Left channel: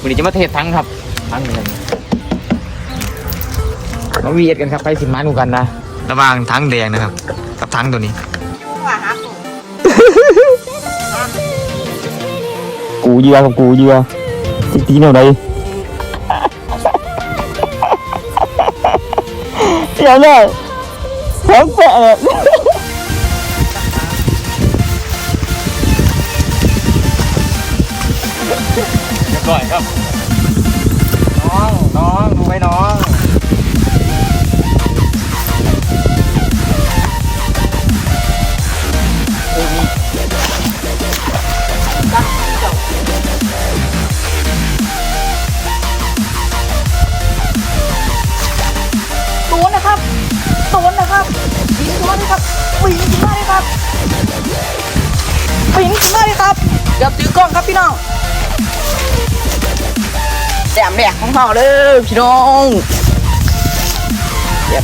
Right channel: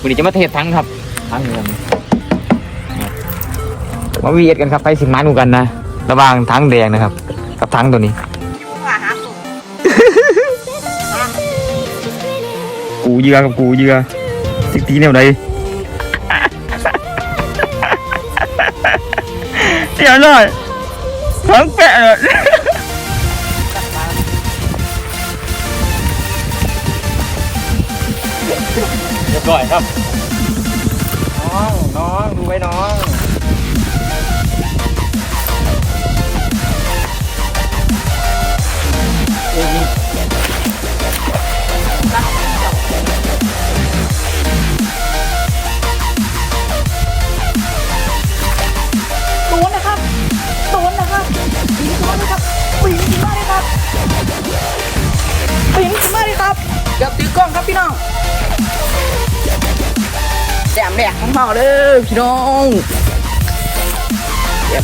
วันนี้จะมาเทศทั้งครับทั้งนี้ครับมาวีเอ็ดกันครับไปสิมันกันนะระหว่างทั้งแดงนะครับ กับทั้งตัวนี้ว่าหาผมกูเยือกับกูเยือจิกตีแนวไหนเดี๋ยวหน่อยทั้งแปะเลย ร้อยครับ น้อง น้อง ดูไว้น้อง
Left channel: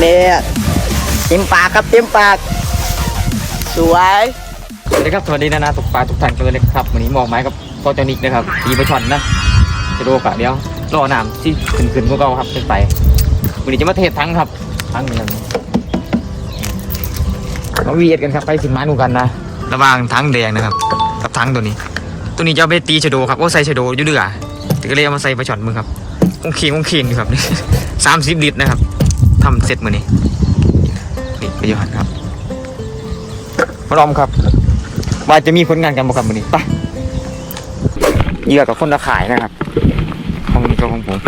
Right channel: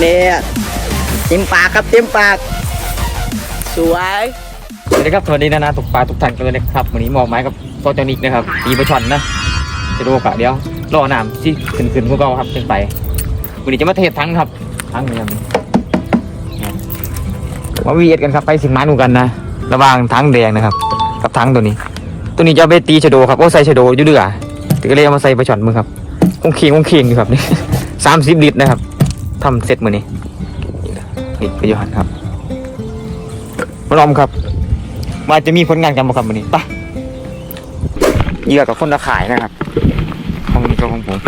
เรียเรียบเต็มปากครับเต็มปาก สวยสวัสดีครับสวัสดีนะนะตกปลาทุกท่านกันเลยนะครับวันนี้มองไม้กับโฟอร์จอนิกนะครับตีไปช่อนนะจะดูกะเดี๋ยวรอหน้ำที่ขึ้นขึ้นพวกเราครับขึ้นไปวันนี้จะมาเทศทั้งครับทั้งนี้ครับมาวีเอ็ดกันครับไปสิมันกันนะ ระหว่างทั้งแดงนะครับ กับทั้งตัวนี้ ตัวนี้จะเอาไปตีชโดครับโอ้ใส่ชโดอยู่เดือดก็เลยเอามาใส่ไปช่อนมือครับคงเคียงคงเคียงอยู่ครับนี่สามสิบลิตรนะครับ ทำเสร็จมือนี้นี่นะนี่ประโยชน์ครับงามครับว่าจะมีผลงานกันบ่ครับวันนี้ไปเหยื่อกับคนละขายนะครับของนี้ก็ของผม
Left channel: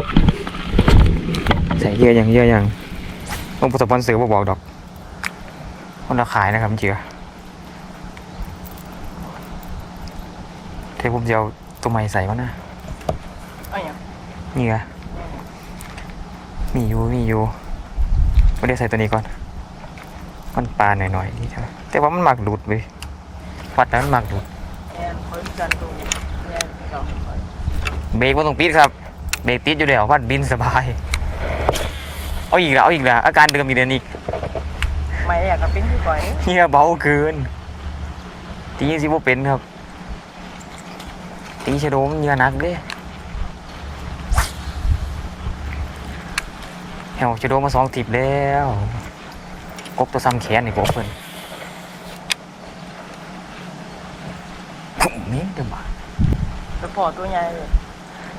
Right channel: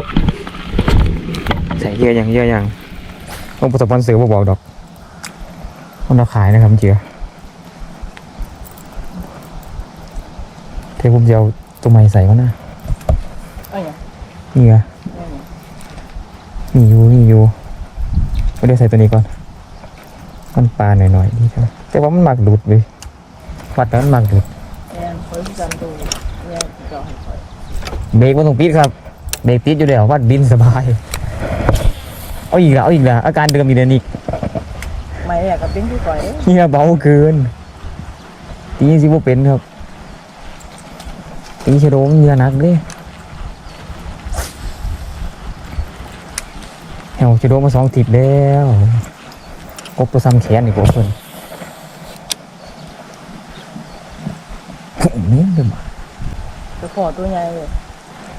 ใส่เหยื่ออย่างเหยื่ออย่างต้องประสบผลเสือบ่บอกดอก คนละขายนะครับเหยื่อเทผมจะเอาตัวใหม่ใส่มานะเอ้ยยังเหยื่อเอ้ยยังมีอยู่มีอยู่ ไม่ได้ใส่ตัวนี้ก่อน มันปลาหน่อยๆนี่ใช่ไหมแต่ว่ามันหมักดูดเว้ยวัดแล้วมันหมักดูดแอนคอยกันดูแอนเจ้าให้คอยเบรกว่าต้องปิดครับเบรกติดอยู่แล้ววัดบินสบายเอาอีกแล้วเอาอีกแล้วอาการเดิมอีกเดือนอีกไม่อยากกับเป็นที่คอยเฮียเบาเกินตีสิบ่เป็นครับตีชะโดมนเยอะหนักเด้ แหวชะโดมมาสองทิบแล้วกบตัวซ้ำแขนนี่กบเพิ่นผมนี่เดี๋ยวมาจะพอตัวใหญ่เลย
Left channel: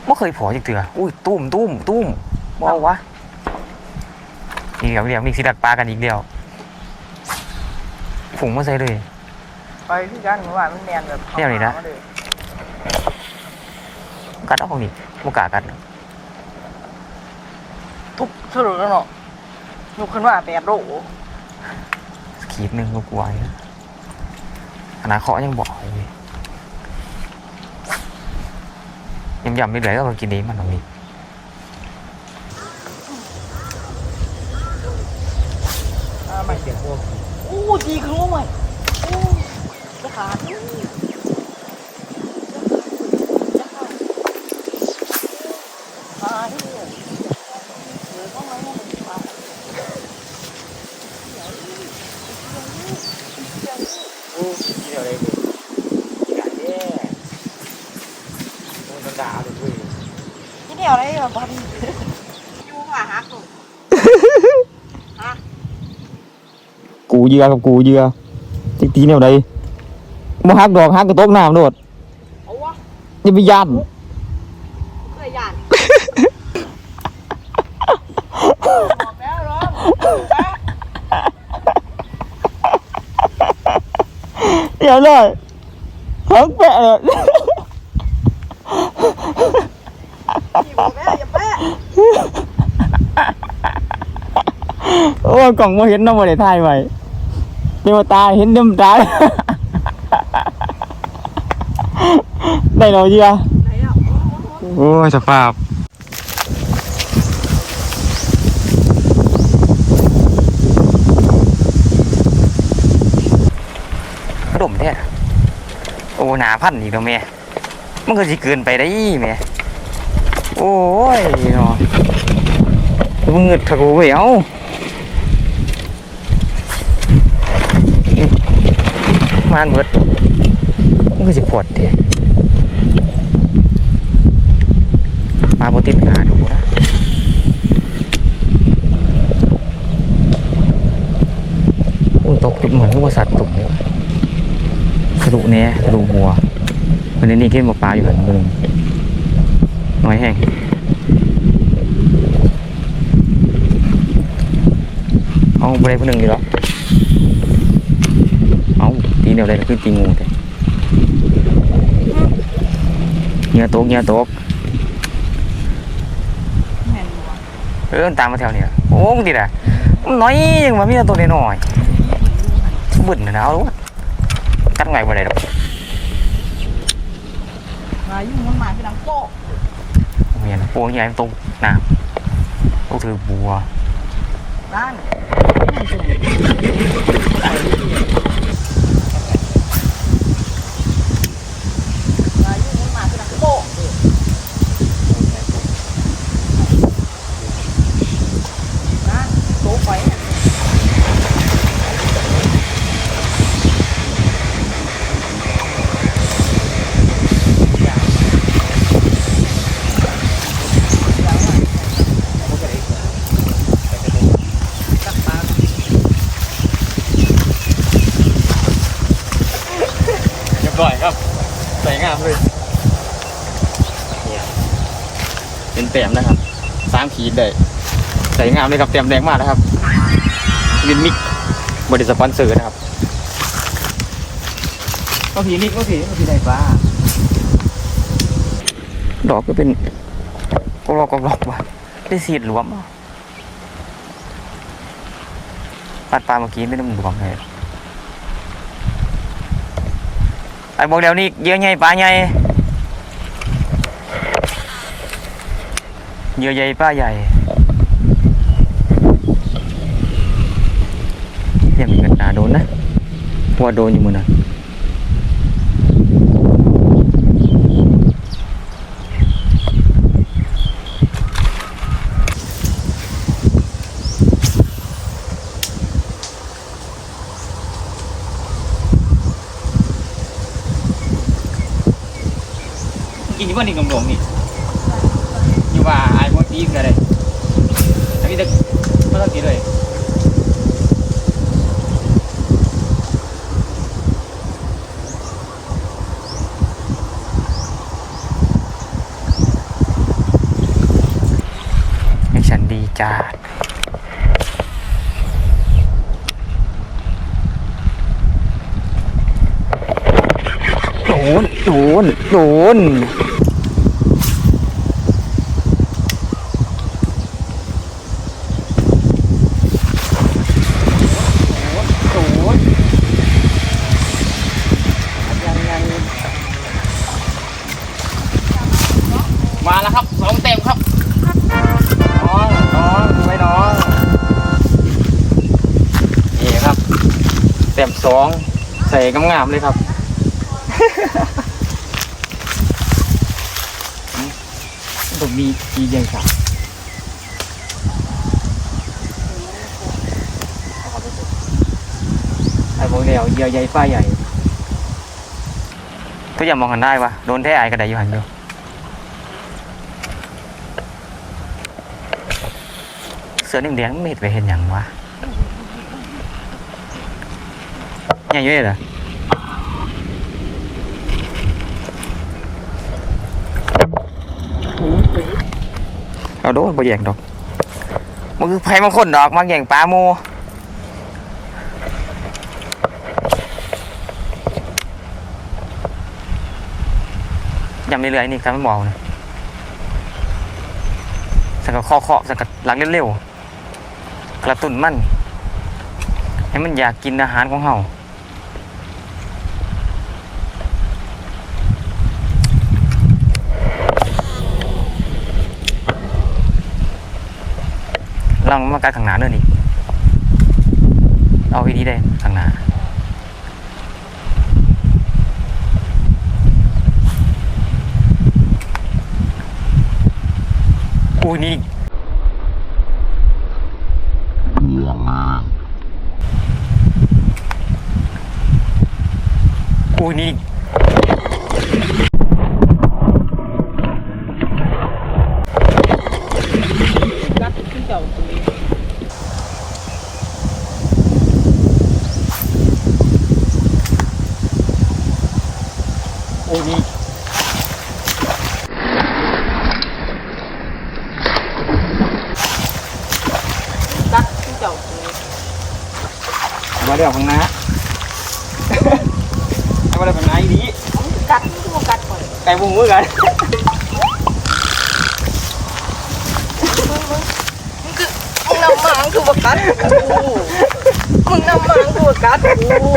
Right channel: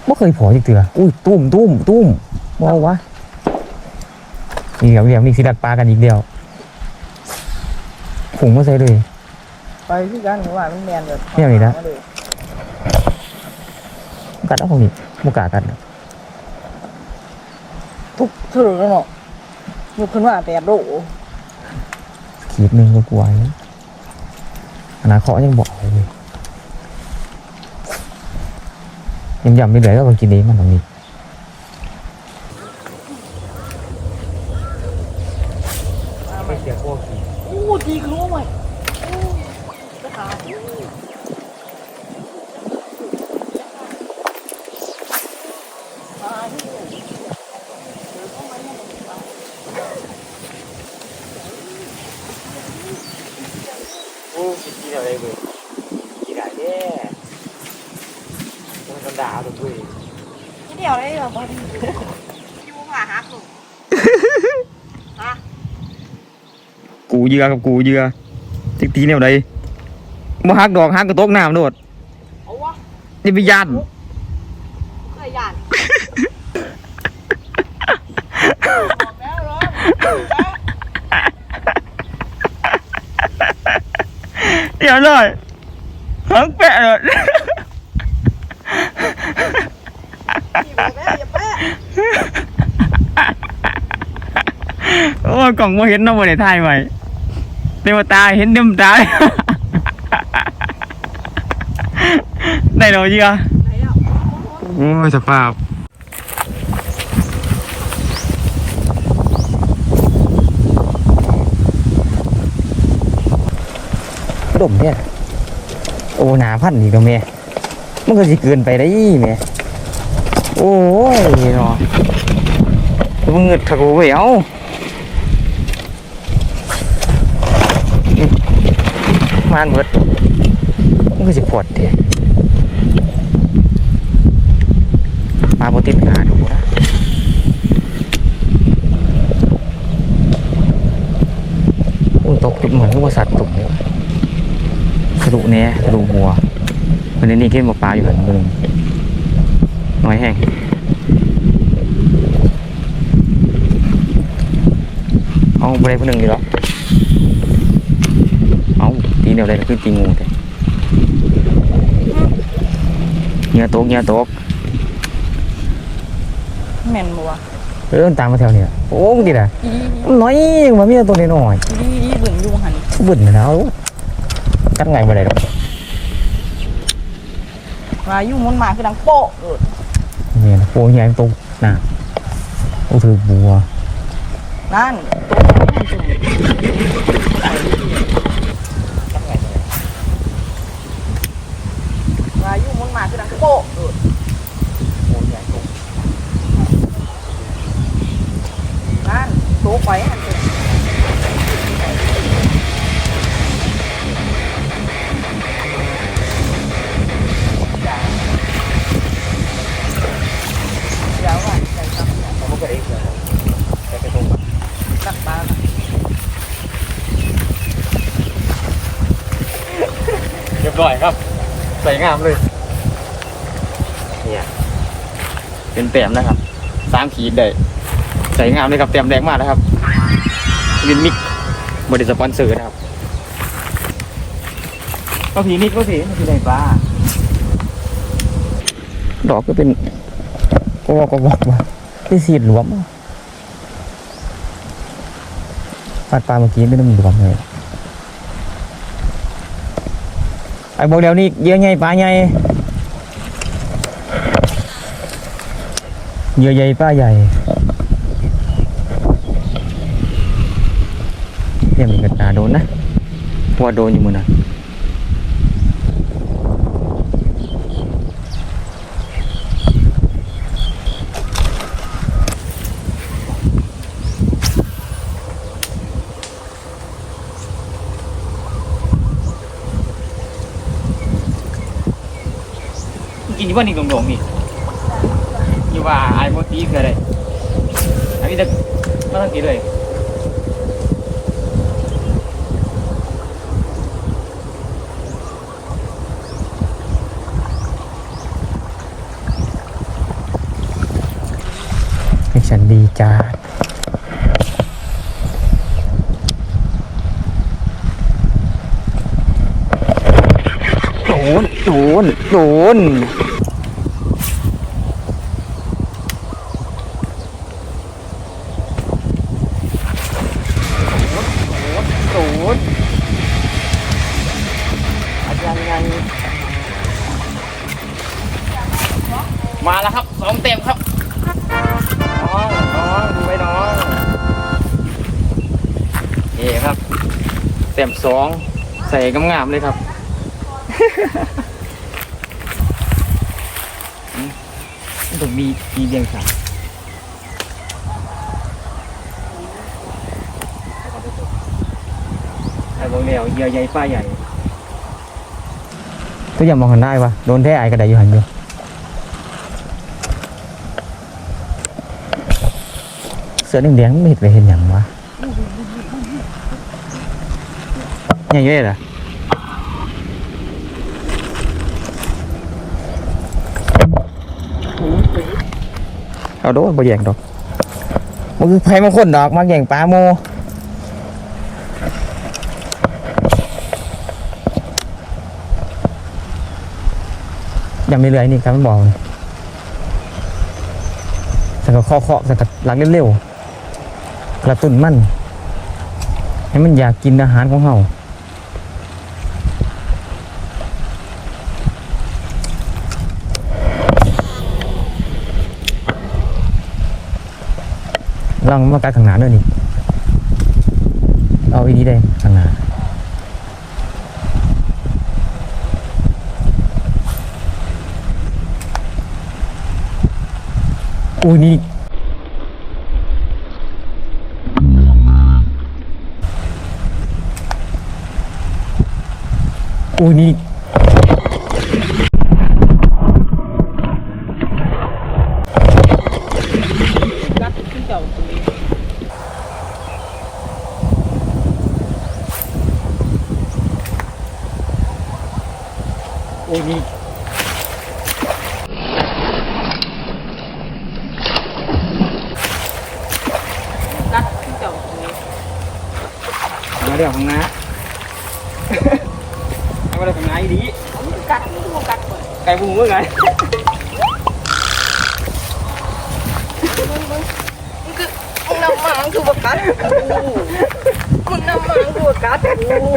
ไม่เคยพอจักเถื่ออุ้ยตุ้มตุ้มตุ้มว้าววะนี่เดี๋ยวเดี๋ยวนี่สิดักปลากันอีกเดียวผงมาใส่เลยไปคือกันเมื่อวานมันแมนแบบเนี่ยนี่นะเข้ามาเลยกัดเอาของนี่บกล้ากัด ทุกสรุปแล้วเนาะยกขึ้นมาแปดโลขีดหนึ่งก็กลัวนะอนาคตยังบอกเลยยำยำไม่เหลือก็กินนี้มันตรงนี้ ไม่เสียพวก โอ้ดีขึ้นมาใหม่โอ้จะขาดมาที่นี่เดี๋ยวต้องไว้ให้มันไป โอ้กินอะไรเว้ยกินอะไรแน่มันต้องด่าตัวเองที่เดียวได้แบบพอดียูว่าฮักหนูฮะกูเยือกับกูเยือจิกตีแนวใดมาฮักดอกฮักกระตกน้ำโดดเอาวะนี่ไปยัน เคยยันบอกแล้วร้อง เดี๋ยวหน่อยฮักแปะเลยพี่บอกแล้วอย่าแปะ โอ้ยกล่องมาเห็นน้องมาได้ถ่ายไว้เดี๋ยวตาเห็นเดิมตาได้เราเยอะไหนอะโอ้ยสภาพดมเนี่ยโอ้หนาพันอีกแล้วแม่มันก็สิเกินไปได้แม่โอ้ยเนาะมึงเงิดขะกูไปเอามานเบิดมันก็สิปวดเด้ปลาโปรติดหาดูนะตกจุดเหมือนพวกสัตว์ตกเลย วะกระดูกแหน่กระดูกหัววันนี้นี่เก็บมาปลาอยู่หันมือน้อยแห้งเอาไปได้คนหนึ่งดีหรอเอาตีเดียวได้คือตีงูแต่เหงื่อตกเหงื่อตกแม่นบัวเออมันตามมาแถวนี้ล่ะโอ้มึงดิล่ะมันน้อยยังมามีแต่ตัวน้อยดีดีเหมือนอยู่หันๆบึ้นนะเอาลูก กัดไงบ่ได้ดอกมาอยู่มันมาคือดังโป๊ งามเลยเนี่ยเป็นแต้มนะครับสามขีดได้ใส่งามเลยครับแต้มแดงมากนะครับวินมิกบริษัทสปอนเซอร์นะครับก็ผีนิกก็ผีก็ผีได้ปลาดอกก็เป็นกรอกกรอกว่ะได้สีดหลวมปลาปลาเมื่อกี้ไม่ได้มันหลวมเลย ไอ้พวกเดี๋ยวนี้เยอะใหญ่ปลาใหญ่เยอะใหญ่ปลาใหญ่เรียมอีกนาโดนนะเพราะว่าโดนอยู่มือนะ นี่ว่านี่โด่งๆนี่อยู่ว่าไอ้โมตีคืออะไรอันนี้จะไม่ต้องกินเลยให้ฉันดีจัดโดนโดนโดน ต็มสองใส่กำงามเลยครับต้องมีมีใหญ่สามไอ้บอกเดียวเหยื่อใหญ่ป้าใหญ่ก็อย่ามองกันได้วะโดนแท้ไอ้กระไดอยู่หันอยู่เสือแดงๆมันไม่เห็นไปเห็นอย่างวะ เนี่ยเยอะเหรอเอาโดนบ่แย่งดอกมันคือไผ่มาคนดอกมาแย่งปลาโมยำเรื่อยๆนี่ครับมันบอกนะสังกัดข้อเคาะสังกัดหลักเร็วๆกระตุ้นมันให้มันอยากกินอาหารของเฮา ลองมากัดข้างหน้าด้วยนี่เอาอีนี้ได้ข้างหน้าอุ้ยนี่อุ้ยนี่ เจ้าตัวนี้ โอ้ยนี่ตักที่เจ้าตัวนี้มาเดี๋ยวข้างหน้าเอามาเดี๋ยวข้างหน้าอีนี้เอามีกัดที่ดูกัดก่อนไก่บุ้งมือกันมึงมึงมึงคือมึงนำมามึงคือบักกัดกูมึงนำมามึงคือบักกัดกู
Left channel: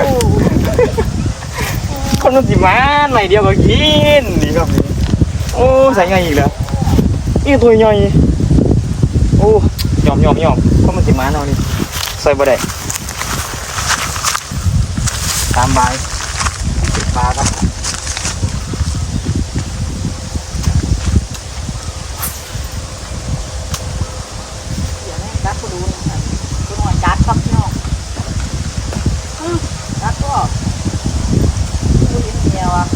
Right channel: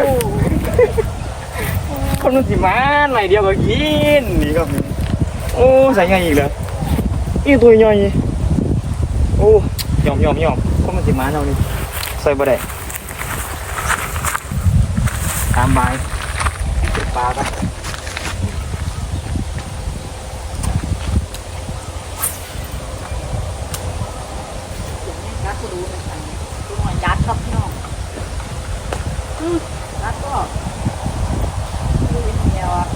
คนมันสิมาหน่อยเดียวก็กินนี่ครับนี่โอ้ใส่ไงอีกแล้วนี่ตัวใหญ่โอ้ยอมยอมยอมคนมันสิมาเอานี่ใส่บ่ได้ตามบเก็บปลาครับ เดี๋ยวแม่กัดกูรู้นะครับตัวหน่อยกัดครับพี่น้องอืมกัดก็กูยังเดียวอะ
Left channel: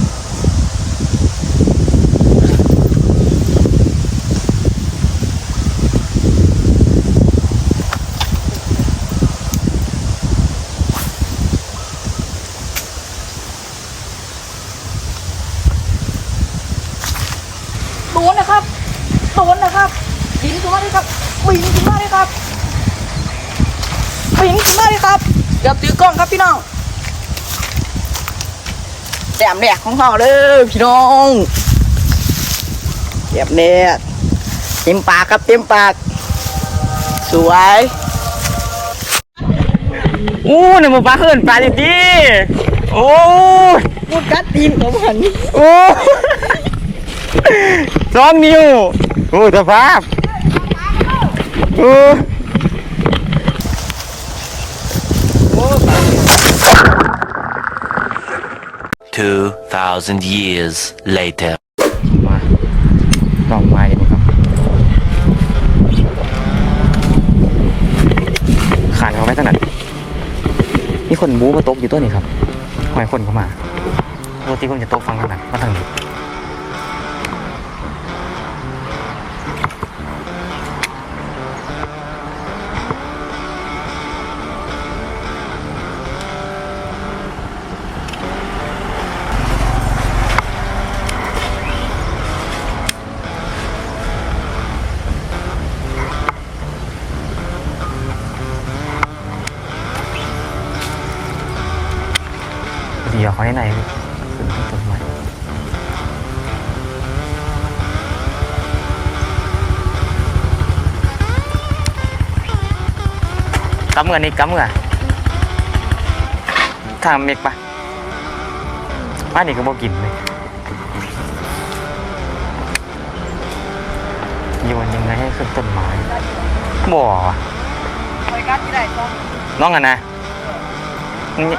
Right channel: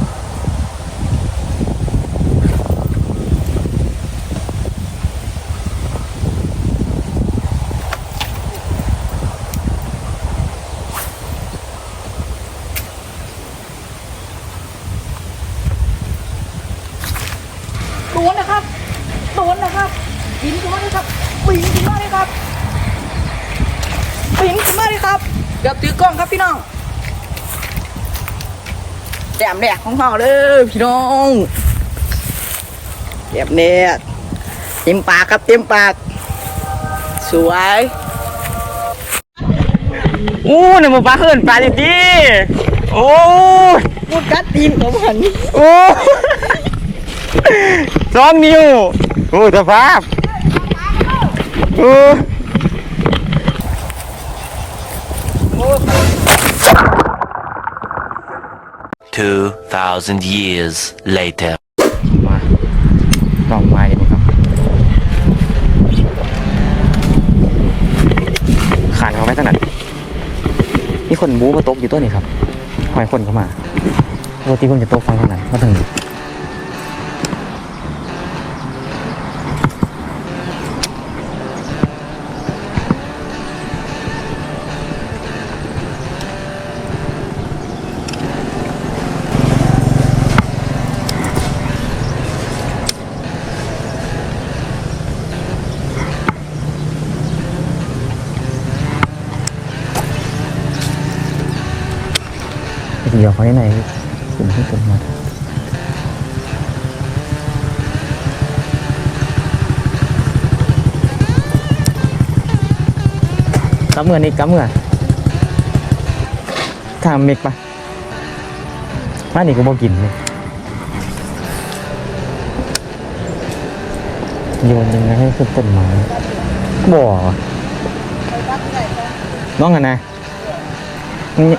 โดนนะครับ โดนนะครับบินขึ้นมาเลยครับบินขึ้นมาเลยครับบินขึ้นมาเลยครับอย่าตีกล้องครับพี่น้อง แมแดกของเราเลยพี่น้องแบบนี้เต็มปากครับเต็มปาก สวยอู้นี่มันปลาขึ้นปลาจริงๆโอ้ยพูดกัดตีนของมันโอ้สองนิ้วโอ้สภาพโอ้ 2,000 years later. มาลองมาดูครับขานเขาไม่ถนัดนมีคนบูมาตกอยู่ตัวนี้ครับหอยคนเข้ามาปกติคนจะตกฟังทางนั้นมาทางนี้ กำเงินนี่กำเงินทางเมกปะมานี่ก็บ่กินเลยโยนยังไงให้ขึ้นต้นไม้บ่ไปกัดที่ไหนจ้ะน้องกันนะนี่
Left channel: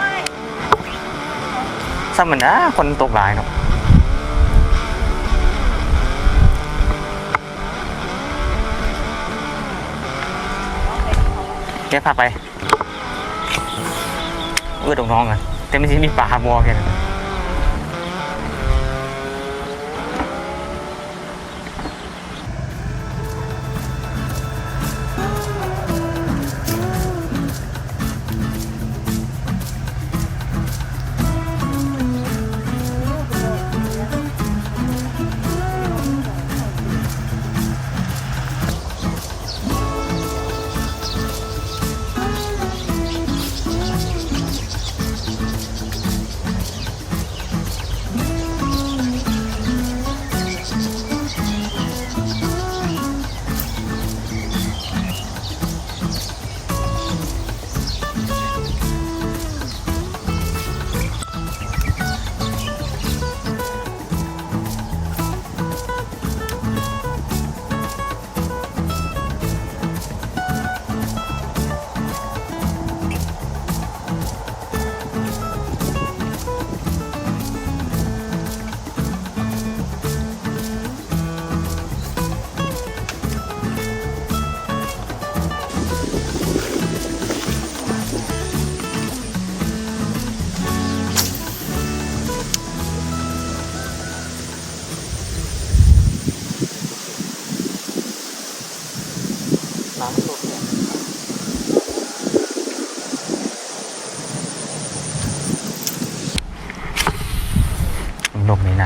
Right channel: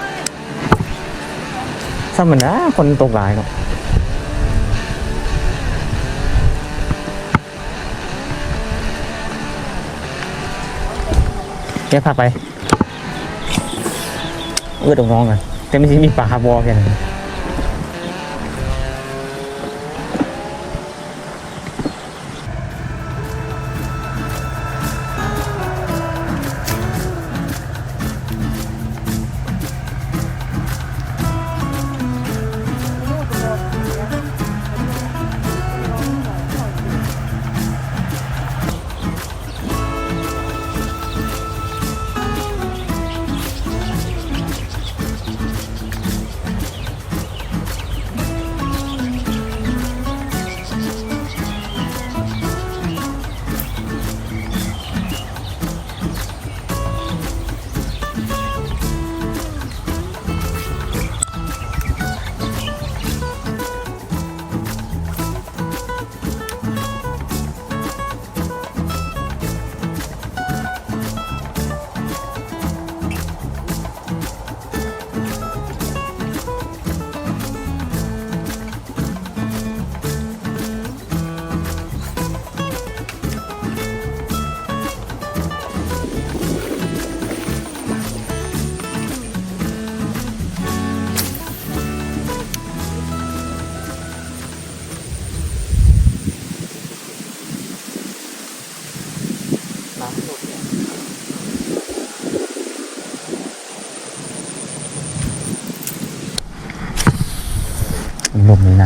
ซ้ำมันนะคนตกหลายเนา แกพาไปเอื้อดน้องกันแต่ไม่ใช่มีปลาบอแค่นั้น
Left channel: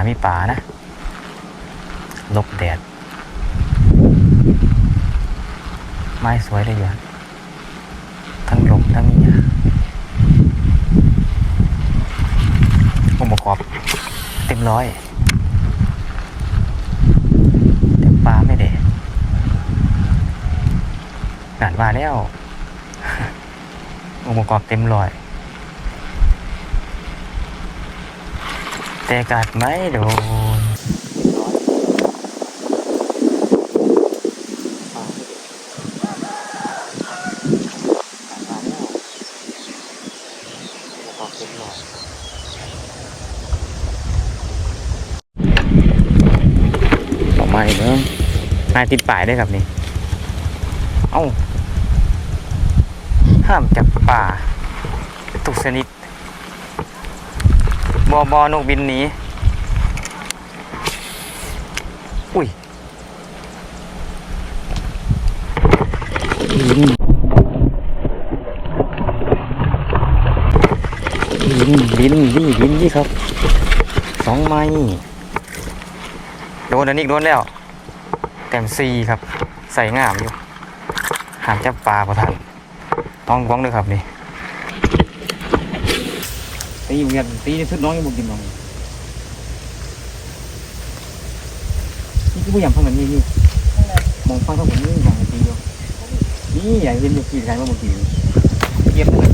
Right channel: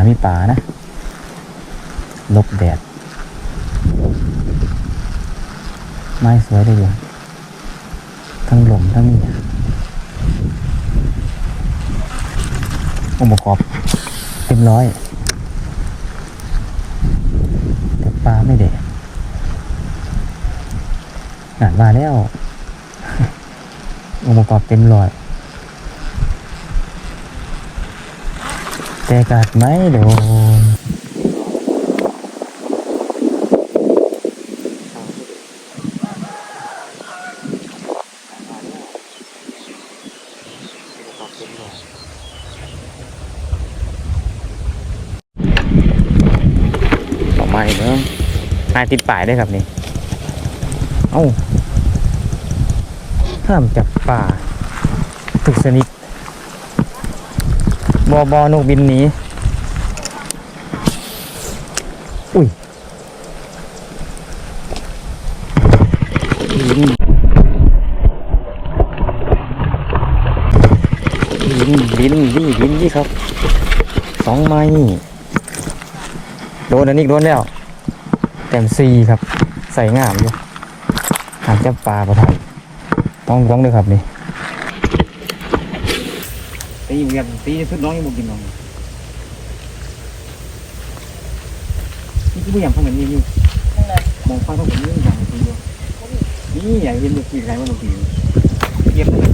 มีป่านะ ลบแดด ไม้สวยเลยอยู่ ทั้งหลมทั้งเนี่ยองค์ประกอบเต็มร้อยแต่ปลาไม่แดดงานว่าแล้วองค์ประกอบเต็มร้อย แต่กัดไม่โดนออมาอีกแล้วนายติดป่ายได้ครับนี่ เอ้า ห้ามจับป่า ทุกชนิด บอบอนกบินหนีอุ้ยบินบินบินบินนี่ครับสองไม้โดนอันนี้โดนแล้ว แต้มซีครับ ใส่งามอยู่หามจับปลาประทันต้องกว้างด้วยครับนี่ ตีอยู่ยันตีสุดน้องยังบุกินน้องนี่คือผู้ยำฟังแบบนี้นี่มองฟังทั้งหมดนี่มองตีอยู่นี่ใหญ่เห็นอยู่กี่ใครมาบุกินเยี่ยมเลย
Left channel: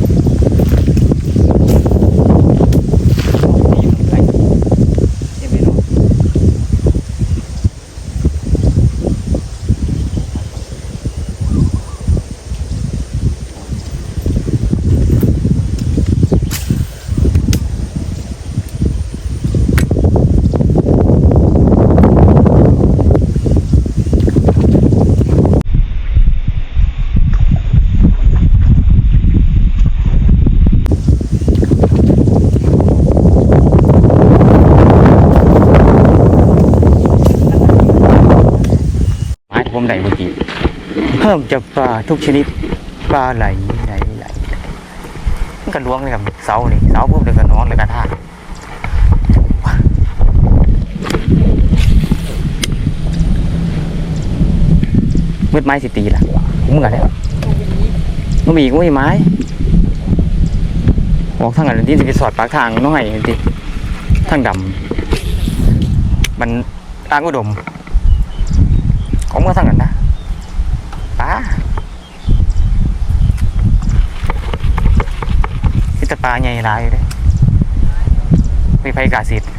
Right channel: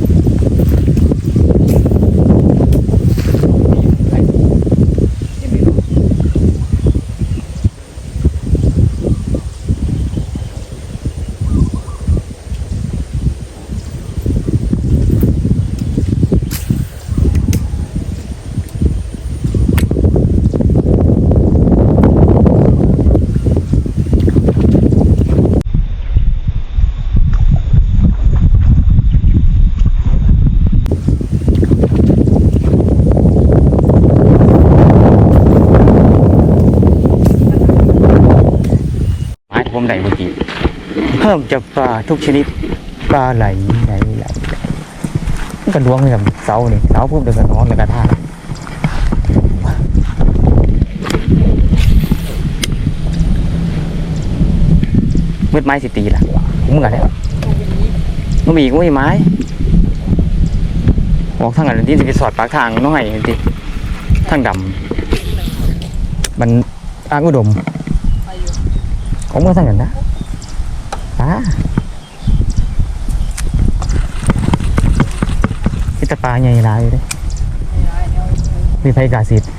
ไม้ที่ผมได้เมื่อกี้ เพิ่มจับปลาทุกชนิดปลาไหลไหลไหลไหลมันก็ล้วงเลยครับเสานี่เสาปุ๊บเดี๋ยวก็นอนแล้วก็ท่ามืดไม้สิตีล่ะผมเหมือนกันแล้วตรงมันมีกไม่ไม้บอกทางอันที่จะไปสอดปากทางน้องไห้ติทางดำมันอ้างอุดมของเมื่อทางนั้นนะ ป้าพิตาปลาใหญ่หลายอยู่เด้มีไฟกาสิทธิ์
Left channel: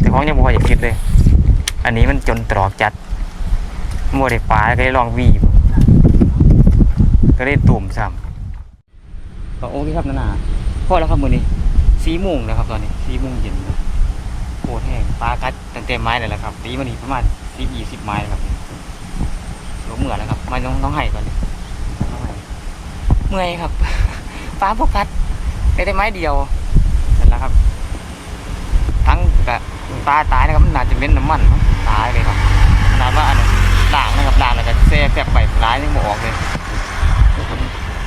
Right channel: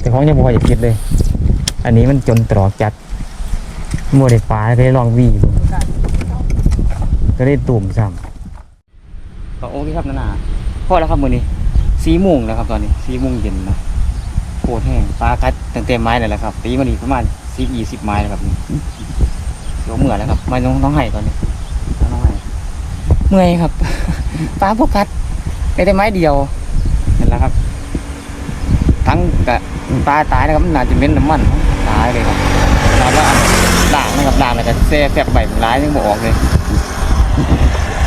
แต่ของยังบ่พออยากคิดเลย อันนี้มันจนตรอกจัดมัวเด็กปลาก็ได้ลองวีบ่ก็ได้ตุ่มซ้ำก็โอเคครับนานาพอแล้วครับมือนี้สีโมงแล้วครับตอนนี้สีโมงเย็นนะโคตรแห้งปลากัดตั้งแต่ไม้เลยแหละครับตีมาดีประมาณสิบยี่สิบไม้เลยครับนี่ เสียเหมือแล้วครับมาต้องต้องให้ตอนนี้ต้องให้เมื่อยครับปลาพวกกัดได้แต่ไม้เดียวนั่นแหละครับ ทั้งกะปลาตายนะครับมันน่าจะเม็นน้ำมันตายเลยครับขนาดว่าด่างนะครับด่างแล้วก็แซ่แซ่บใบร้ายยังบออกเลย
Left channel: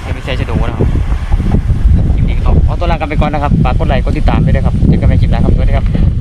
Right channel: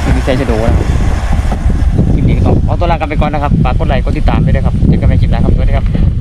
นี่มีใจชะโดนะครับคลิปนี้ก็ต้องขอตัวลากันไปก่อนนะครับฝากกดไลค์กดติดตามด้วยนะครับเจอกันใหม่คลิปหน้าครับสวัสดีครับ